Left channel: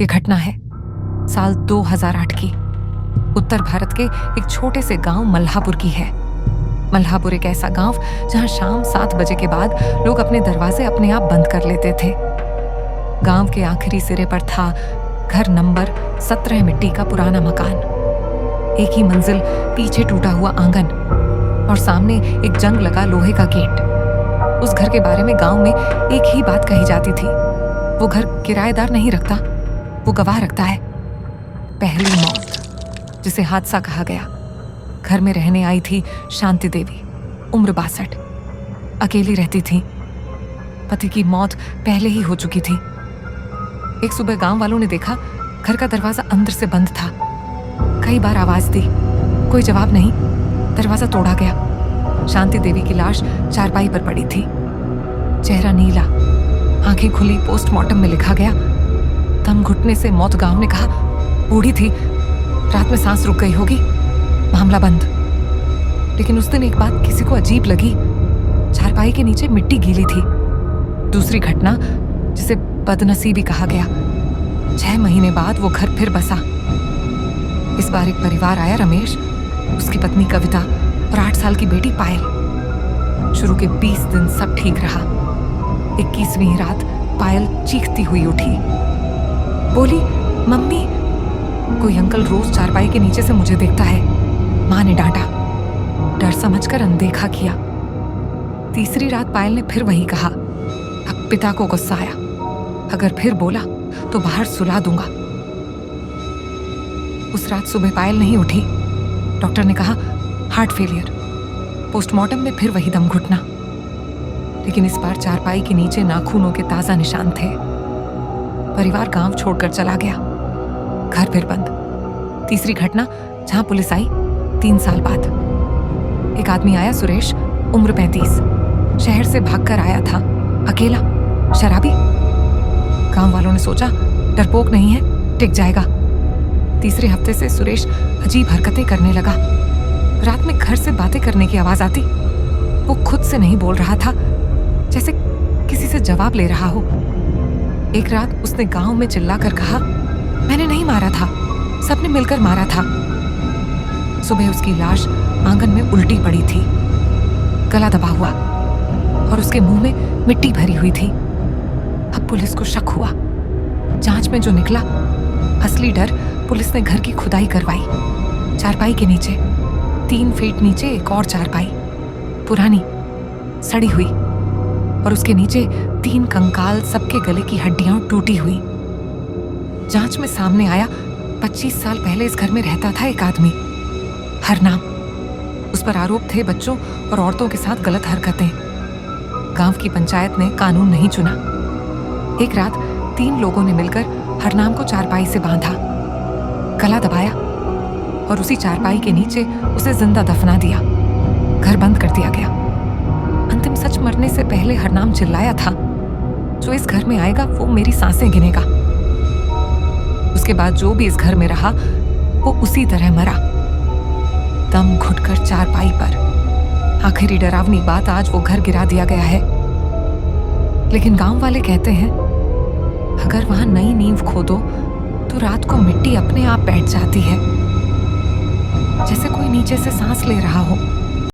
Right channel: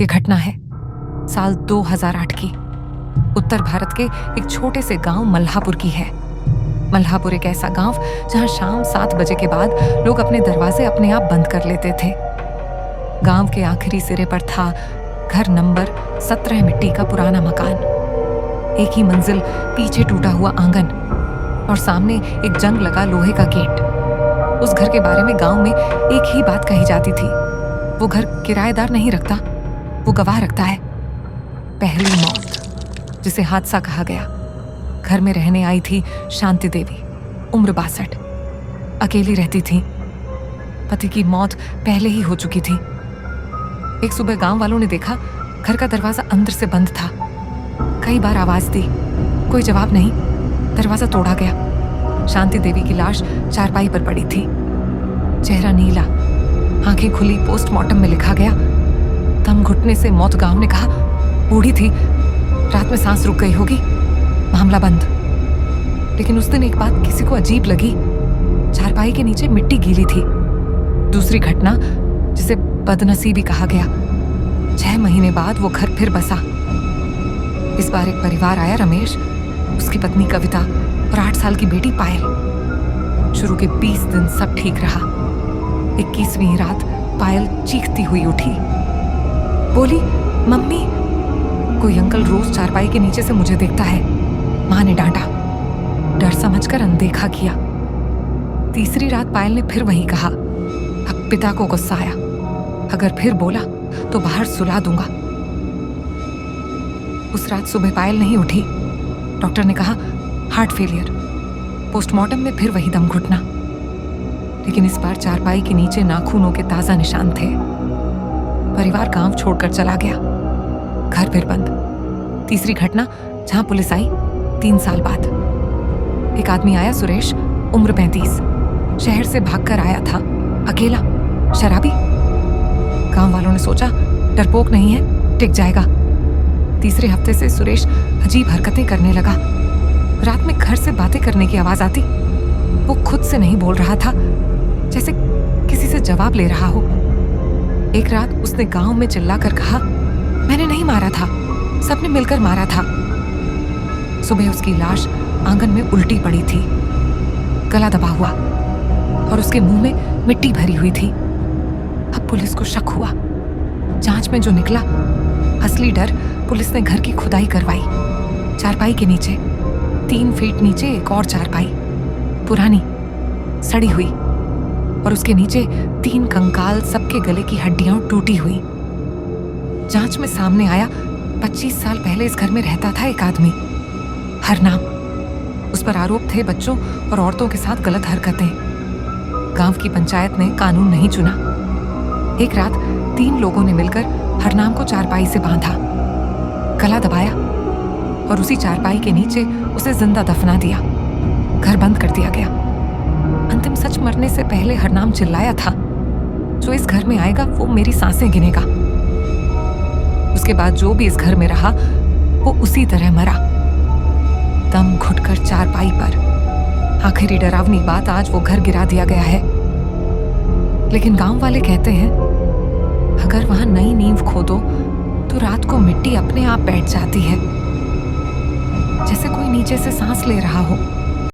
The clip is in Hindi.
ये घटना है साल 2008 की। उत्तर भारत के एक छोटे से गांव मल्हापुर की है। मल्हापुर एक ऐसा गांव जहां शाम 7 बजे के बाद लोग अपने दरवाजे अपने आप बंद कर लेते थे। गांव के आखिरी सिरे पर था घर नंबर 17, मिट्टी का पुराना मकान, एक ही मंजिल, पीछे टूटा हुआ आंगन और सामने एक जंग लगा लोहे का गेट। उस घर के बारे में गांव में एक ही बात कही जाती थी, वो घर किराएदार नहीं रखता, वो गवाह रखता है। पहली मौत, जिसे हादसा कहा गया। घर में रहने आई थी शांति देवी, उम्र 62, अकेली रहती थी। पति की मौत पहले ही हो चुकी थी। एक सुबह गांव वालों ने देखा घर का दरवाजा अंदर से बंद था। कई बार आवाज दी, कोई जवाब नहीं। दरवाजा तोड़ा गया। शांति देवी की लाश चारपाई पर पड़ी थी, चेहरा नीला, आंखें खुली। पोस्टमार्टम में लिखा गया, दम घुटने से मौत। गांव ने कहा बूढ़ी थी, रात में सांस रुक गई होगी, मामला बंद। लेकिन उस दिन एक बात किसी को अजीब लगी, चारपाई के नीचे मिट्टी गीली थी। दूसरी घटना, जिसे बदनसीबी कहा गया, 6 महीने बाद वो घर फिर बसा। इस बार एक परिवार आया, रमेश, उसकी पत्नी कविता और 8 साल की बेटी पायल। शुरू के 20 दिन सब ठीक रहा। 21वीं रात पायल चीखती हुई उठी, बोली, मम्मी। कोई अंकल रोज चारपाई के नीचे से मुझे देखता है, मां ने डांटा। डर समझकर अनदेखा किया। तीसरी रात पायल ने फिर वही कहा। अब पिता को गुस्सा आया, अगर फिर बोला तो बाहर सुला दूंगा। उस रात सुबह पायल नहीं उठी। डॉक्टर ने कहा हार्ट फेलियर। पोस्टमार्टम में फिर वही दम घुटना, लेकिन इस बार चारपाई के नीचे नाखूनों के ताजा निशान थे। परिवार गांव छोड़कर चला गया, घर फिर बंद। तीसरी घटना, जहां पुलिस आई 3 साल बाद। एक आदमी आया, सुरेश, उम्र 35, शहर से भागकर आया था, अकेला, शराबी। गांव वालों ने सोचा डरपोक नहीं है, टिक जाएगा। तीसरे हफ्ते से सुरेश अजीब हरकतें करने लगा। रात में घर से बातें करने की आवाज आती। वो खुद से नहीं बोल रहा था, जैसे किसी से जवाब ले रहा हो। एक रात उसने गांव में चिल्लाकर कहा, मैंने नहीं मारा था, सबने मिलकर मारा था। सुबह उसकी लाश आंगन में उल्टी पड़ी थी, गला दबा हुआ और उसके मुंह में मिट्टी भरी हुई थी। अब पुलिस को शक हुआ। जांच में जो निकला, असली डर, पुलिस ने घर की खुदाई करवाई। चारपाई के नीचे 3 फीट नीचे एक और चारपाई, पुरानी, सड़ी हुई, और उसके नीचे 3 कंकाल, सबके गले की हड्डियां टूटी हुई। जांच में सामने आया 25 साल पहले इस घर में रहता था एक आदमी, हरनाम। उस पर आरोप थे बच्चों और औरतों के साथ गलत हरकतें। गांव की पंचायत ने कानून नहीं चुना। एक रात 3 लोगों ने मिलकर हरनाम को चारपाई से बांधा, गला दबाया और उसी चारपाई के नीचे उसे जिंदा दफना दिया। घर बंद कर दिया गया। अंतिम सच मरने से पहले हरनाम चिल्लाया था, जो इस घर में आएगा वो मेरी सांसें गिनेगा। उसके बाद जो भी इस घर में रहा वो उसी तरह मरा, दम घुटकर चारपाई पर। आखिरी डरावनी बात, आज वो घर गिरा दिया गया है। लेकिन गांव वाले कहते हैं अगर वहां नई नींव खोदो तो रात को मिट्टी अपने आप बैठ जाती है, जैसे कोई नीचे से सांस ले रहा हो।